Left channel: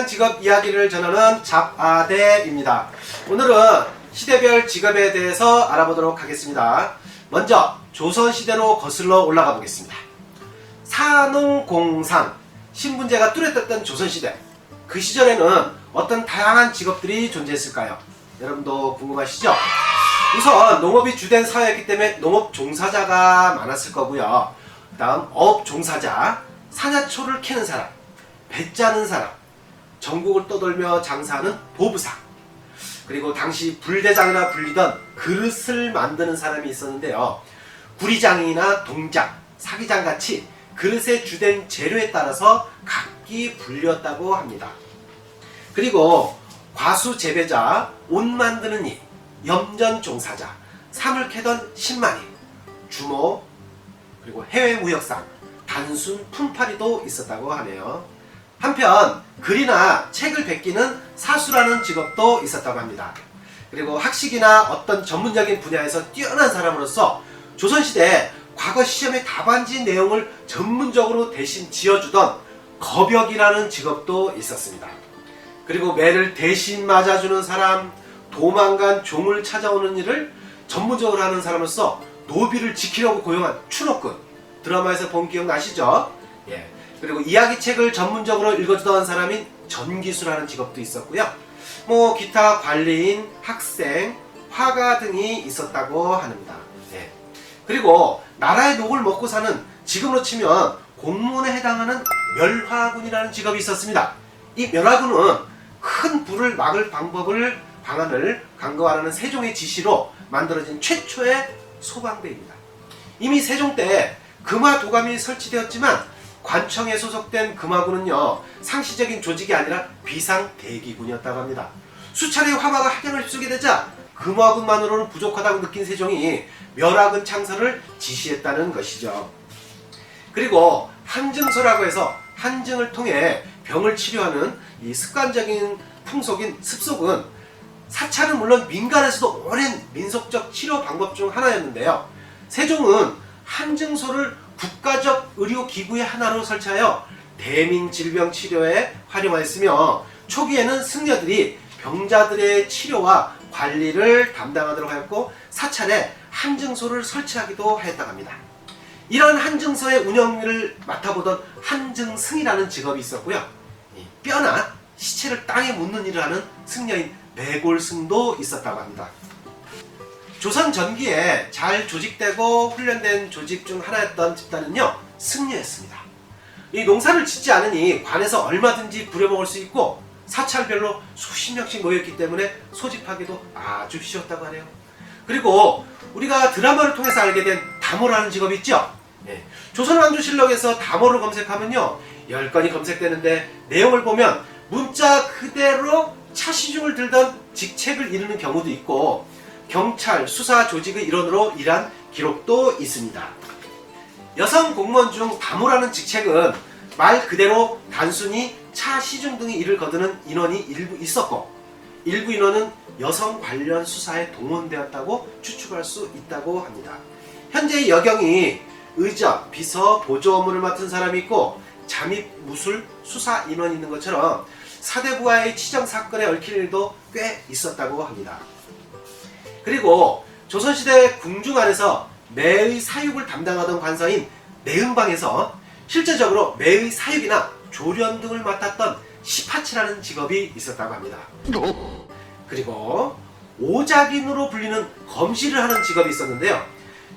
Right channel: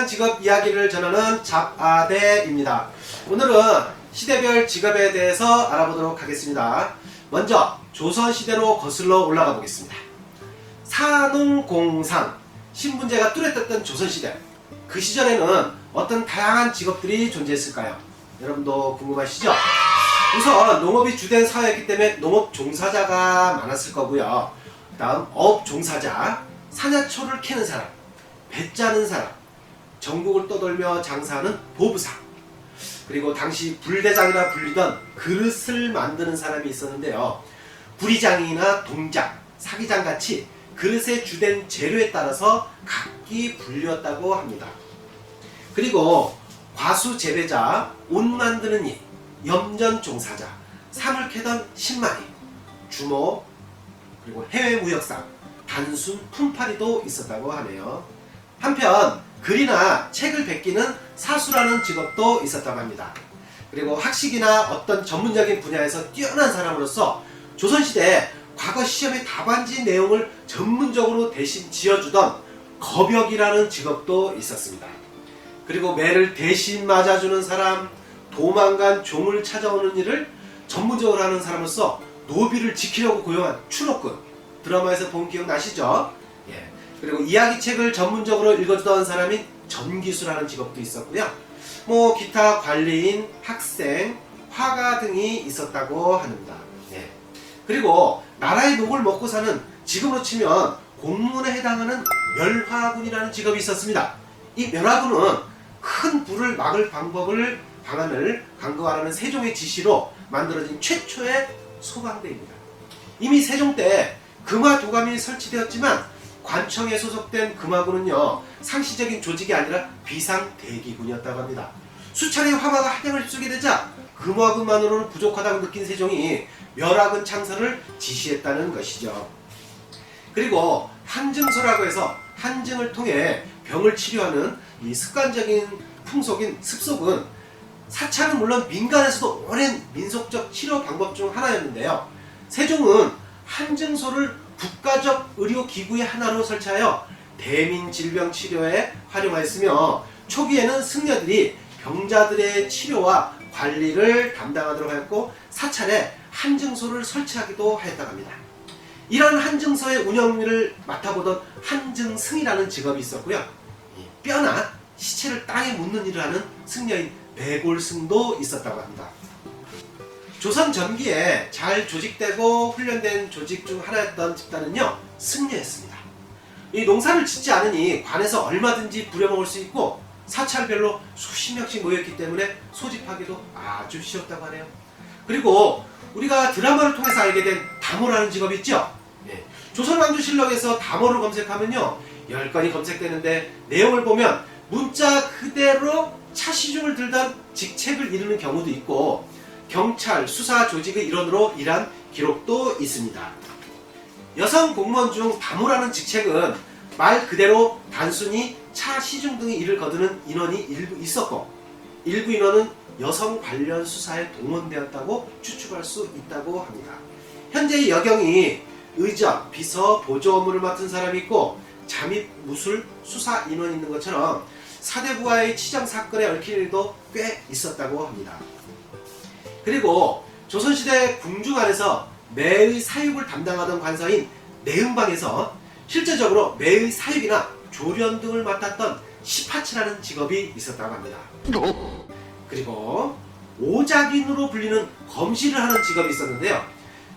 다양한 직업 이야기를 전하는 잡아대입니다. 오늘은 시대별 직업에 대해서 알아보도록 하겠습니다. 먼저 조선시대로 거슬러 올라가 보겠습니다. 산농공상, 신분제가 뚜렷했던 조선시대, 그 시절에는 어떤 다양한 직업들이 존재했을까요? 여러분도 궁금하시죠? 우선 농업이 주된 사회였기 때문에 농업 종사자가 많았을 거고요. 그 다음 어업 종사자, 사냐초를 캐는 사람, 배 짜는 사람, 전국을 떠돌며 장사하는 보부상, 그리고 당시 불대장이라 불리던 그릇을 만드는 사람이 있었는데요. 구리장이나 동장, 사기장같이 그릇의 주된 재료에 따라서 각기 불렸다고 합니다. 그리고 과수 재배자, 옷 만드는 일, 염전 종사자, 삼을 캐던 신마리, 주모, 그리고 해외 무역상, 단순 품팔이도 있었다고 하네요. 한편 글이나 책을 베끼는 사수라는 직업도 있었다고 합니다. 그리고 학식이나 어떤 전문적인 분야에서 뛰어난 사람으로서 조선시대 과거 시험의 답안지 내용을 전문적으로 대신 지어주던 거벽이라는 직업도 있었습니다. 그리고 매를 대신 맞아주는 사람, 도망간 종을 찾아오는 일을 전문적으로 하는 사람으로서 노비를 지키려고 고용한 추노꾼, 드라마에서 본 기억 나시죠? 예. 그리고 이야기책을 전문적으로 읽어주던 사람인 전기수라는 직업도 있었고요. 기타 관리인, 학생, 화가 등이 있었다고 합니다. 예. 그리고 나라의 녹을 먹고 사는 직업으로 치면 공무원에 해당하는 멸화군이라는 직업이 있었습니다. 이 멸화군은 큰 불을 막을 방안을 강구하라는 세종의 지시로 만들어진 최초의 소방대입니다. 이미 세종 때 금화도감이 설치되었지만 관청에 소속된 금화군은요, 상시적인 조직이 아니라 비상대기군이었다고 합니다. 수차례 화가가 학연을 휩쓰게 되자 금화군만으로는 부족하다고 느낀 세종이 멸화군 창설을 지시했다는 것이죠. 그리고 한증소라고 해서 한증을 통해 병을 치료하는 이 습관적인 풍속인 습속은 사찰은 물론 민간에서도 오랜 민속적 치료 방법 중 하나였는데요. 세종은 한증소를 국가적 의료기구의 하나로 설치하여 대민 질병 치료에 활용하였으며, 초기에는 승려들이 병자들의 치료와 관리를 담당하도록 하였고 사찰에 한증소를 설치하기도 하였다고 합니다. 이러한 한증소의 운영을 맡아보던 한증승이라는 직업이 있었고요. 뼈나 시체를 땅에 묻는 일을 하는 승려인 매골승도 있었다고 합니다. 조선 전기에 잘 조직되고 훈련된 조직 중 하나였던 집단은요, 승려였습니다. 이 농사를 짓지 않으니 관에서 얼마든지 부려먹을 수 있고 사찰별로 수십 명씩 모였기 때문에 소집하기도 아주 쉬웠다고 하네요. 그리고 우리가 드라마를 통해서 알게 된 담호라는 직업이 있죠. 네. 조선왕조실록에서 담호를 검색하면요, 10건이 검색되는데 내용을 보면 문자 그대로 차시중을 들던 직책을 이루는 경우도 있고 경찰, 수사 조직의 일원으로 일한 기록도 있습니다. 여성 공무원 중 담호라는 직책은 말 그대로 단순히 차, 시중 등의 일을 거두는 인원이 일부 있었고, 일부 인원은 여성 관련 수사에 동원되었다고 추측할 수 있다고 합니다. 현재의 여경이 의적, 비서, 보조 업무를 맡은 사람이 있고 잠입, 무술, 수사 인원이 있는 것처럼 사대부와의 치정 사건에 얽힌 일도 꽤 있었다고 합니다. 그리고 조선시대 궁중 안에서 매의 사육을 담당하던 관서인 매음방에서 실제적으로 매의 사육이나 조련 등을 맡았던 시파치라는 직업이 있었다고 합니다. 그리고 오작인으로 불리는 검시를 하는 직업이 있었는데요.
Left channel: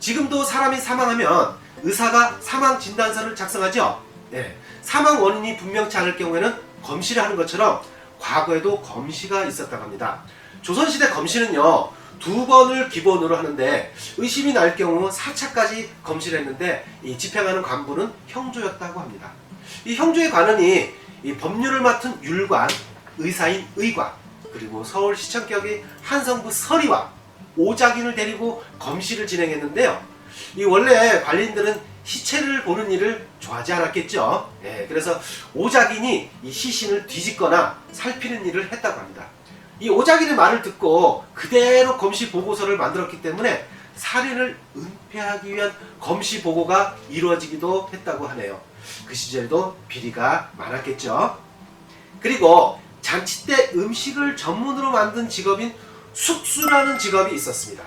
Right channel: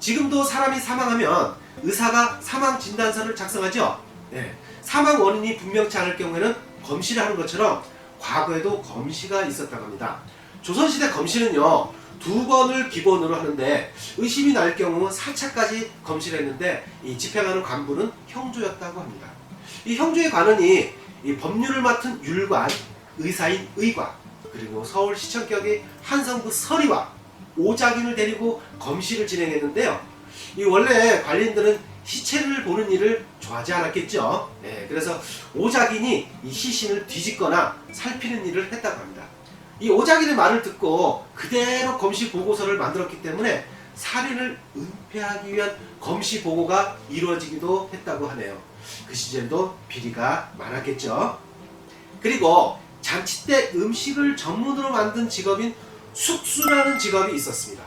지금도 사람이 사망하면 의사가 사망 진단서를 작성하죠. 네. 사망 원인이 분명치 않을 경우에는 검시를 하는 것처럼 과거에도 검시가 있었다고 합니다. 조선시대 검시는요, 2번을 기본으로 하는데 의심이 날 경우 4차까지 검시를 했는데 이 집행하는 관부는 형조였다고 합니다. 이 형조의 관원이 이 법률을 맡은 율관, 의사인 의관, 그리고 서울시청격의 한성부 서리와 오작인을 데리고 검시를 진행했는데요. 이 원래 관리인들은 시체를 보는 일을 좋아하지 않았겠죠. 그래서 오작인이 이 시신을 뒤집거나 살피는 일을 했다고 합니다. 이 오작인의 말을 듣고 그대로 검시 보고서를 만들었기 때문에 살인을 은폐하기 위한 검시 보고가 이루어지기도 했다고 하네요. 그 시절도 비리가 많았겠죠. 그리고 잔치 때 음식을 전문으로 만든 직업인 숙수라는 직업이 있었습니다.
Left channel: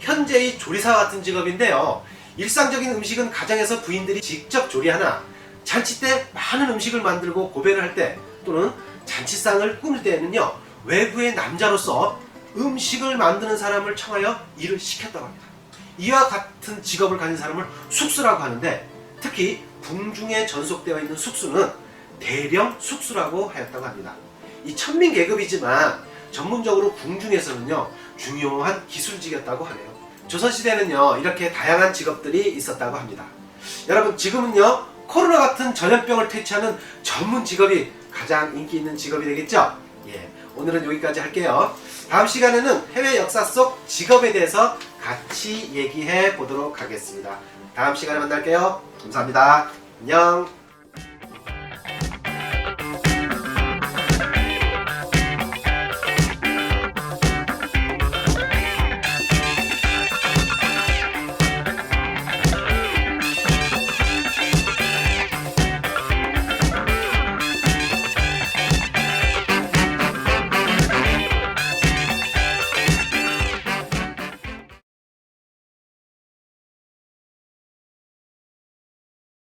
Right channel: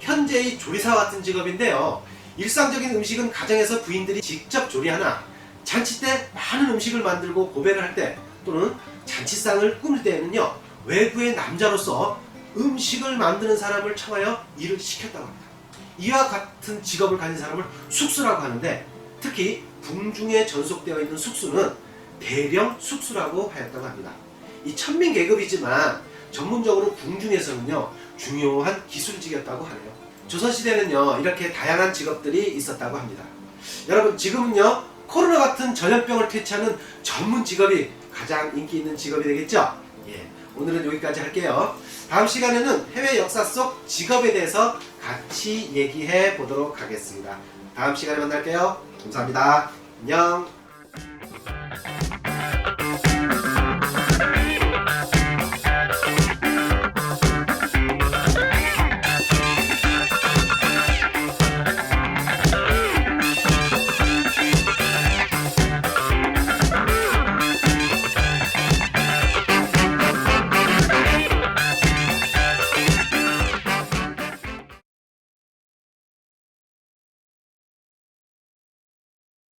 현재의 조리사 같은 직업인데요. 일상적인 음식은 가정에서 부인들이 직접 조리하나 잔치 때 많은 음식을 만들고 고배를 할 때 또는 잔치상을 꾸밀 때에는요, 외부의 남자로서 음식을 만드는 사람을 청하여 일을 시켰다고 합니다. 이와 같은 직업을 가진 사람을 숙수라고 하는데, 특히 궁중에 전속되어 있는 숙수는 대령 숙수라고 하였다고 합니다. 이 천민 계급이지만 전문적으로 궁중에서는요, 중요한 기술직이었다고 하네요. 조선시대는요, 이렇게 다양한 직업들이 있었다고 합니다. 여러분, 지금은요, 코로나 같은 전염병을 퇴치하는 전문 직업이 가장 인기 있는 직업이 되겠죠? 예, 오늘은 여기까지 할게요. 다음 시간에는 해외 역사 속 직업에 대해서 같이 얘기해 보도록 하겠습니다. 다음 시간에 만날게요. 감사합니다. 안녕.